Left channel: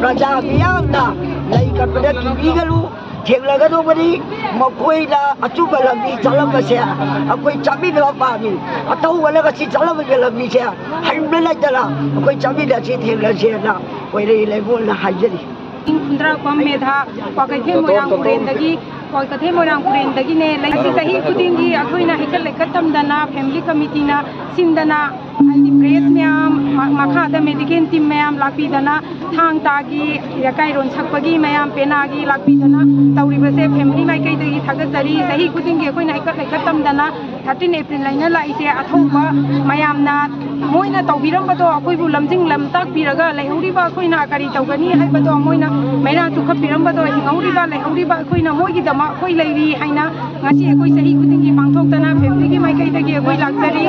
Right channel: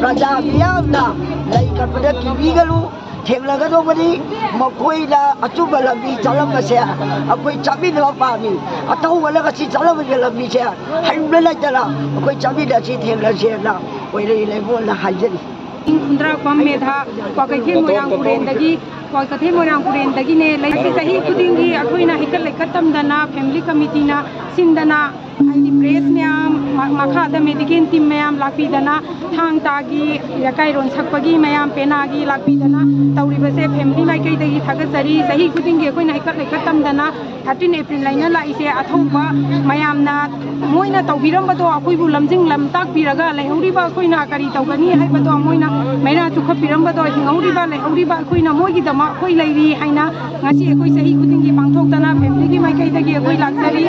Raja Miamna, like a Padaki Bigalu, Tiaglagadobadi, Makoida, Atuba Labi, Talamasia, a quick Chamina Fami, a Tawalagasi Talavilla Misha, Hambela, a quick Chamina City Lasiana, where they live on the Hajari. Kundra Kwamedha, Wakati Moyang Kurendagi, Wakati Moyang Kurendagine, like Sahi Kudingi, Aquina Hikakatam Dana, Family Committee, Sindana, and the Praise Miam, Makata Medican Team Miam, Lakidana, Tang Tagi, Yakairon Sakpagi, Miam, Penagi, Lakidana, Tauribase, Family Makati, Tagasari, Sahi Kudingi, Aquina Hikakatam Dana, 13 April Lina, is a Atoba, Mayamna, Moina Taubirambato, Akubu Lamzing Lamtak Piraga, Lahuriba, Quina, Karitogani, Hypato, Moina, Mena to Kapirambato, Hinguriba, Lahuriba, Quina, Mogi, the Makoi Lady, Haina, Nasi, Sahi Kudingi, Pantokana, Family Makati, a good luxury.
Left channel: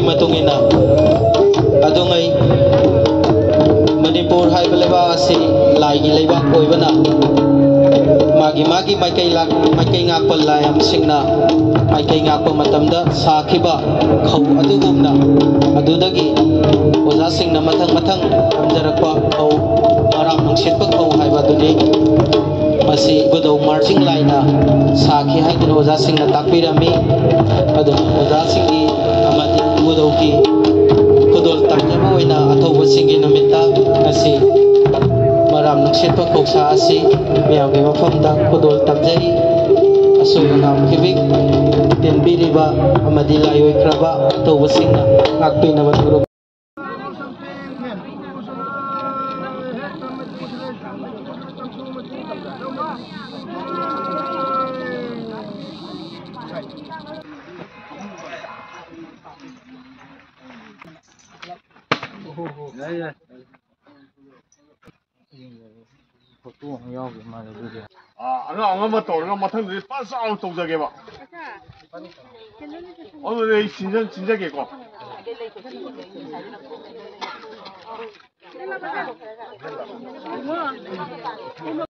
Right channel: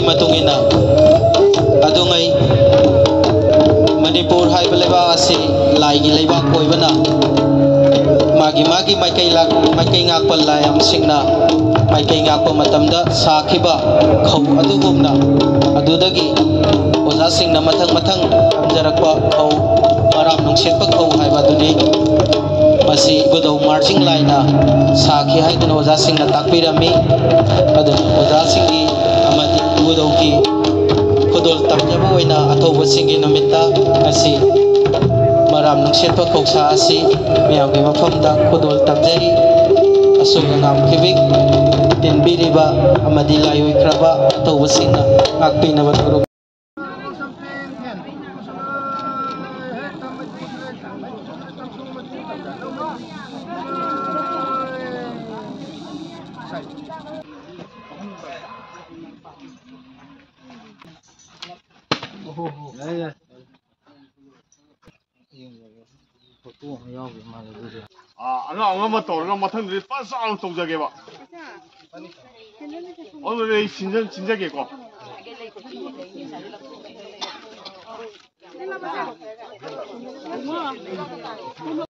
ꯃꯥꯒꯤ ꯃꯇꯨꯡ ꯏꯟꯅ ꯑꯗꯨꯉꯩ ꯃꯅꯤꯄꯨꯔ ꯍꯥꯏꯕ ꯂꯩꯕꯥꯛ ꯑꯁꯤ ꯂꯥꯏꯒꯤ ꯂꯩꯕꯥꯛ ꯑꯣꯏꯕꯅ मागी माइकई ngakpa layam singna maikei ngakpa matamda sakhiba khau adugumna adudagi oja singna mathang amjarakpa khau maram nungsetpa khau haiba duni masi budau marching laina sakhi haiduna oja singna takpirami adu oja singi amati budau ki khudol tamjeba oina athoba singi namitta masi maram nungsetpa khausa asi miyamgi mafamda khudol tamjai asuna nam kibik tinbiriba amadi layoi kraba athoba singna ngakpinaba thuruk ꯑꯉꯥꯡ ꯑꯃ ꯇꯧꯔꯒ ꯃꯊꯪꯗꯗꯤ ꯐꯖ ꯆꯥꯎꯅ ꯇꯧꯖꯒꯦꯕ ꯑꯗꯨꯗꯤ ꯑꯩ ꯁꯤꯟꯖꯒꯦꯀꯣ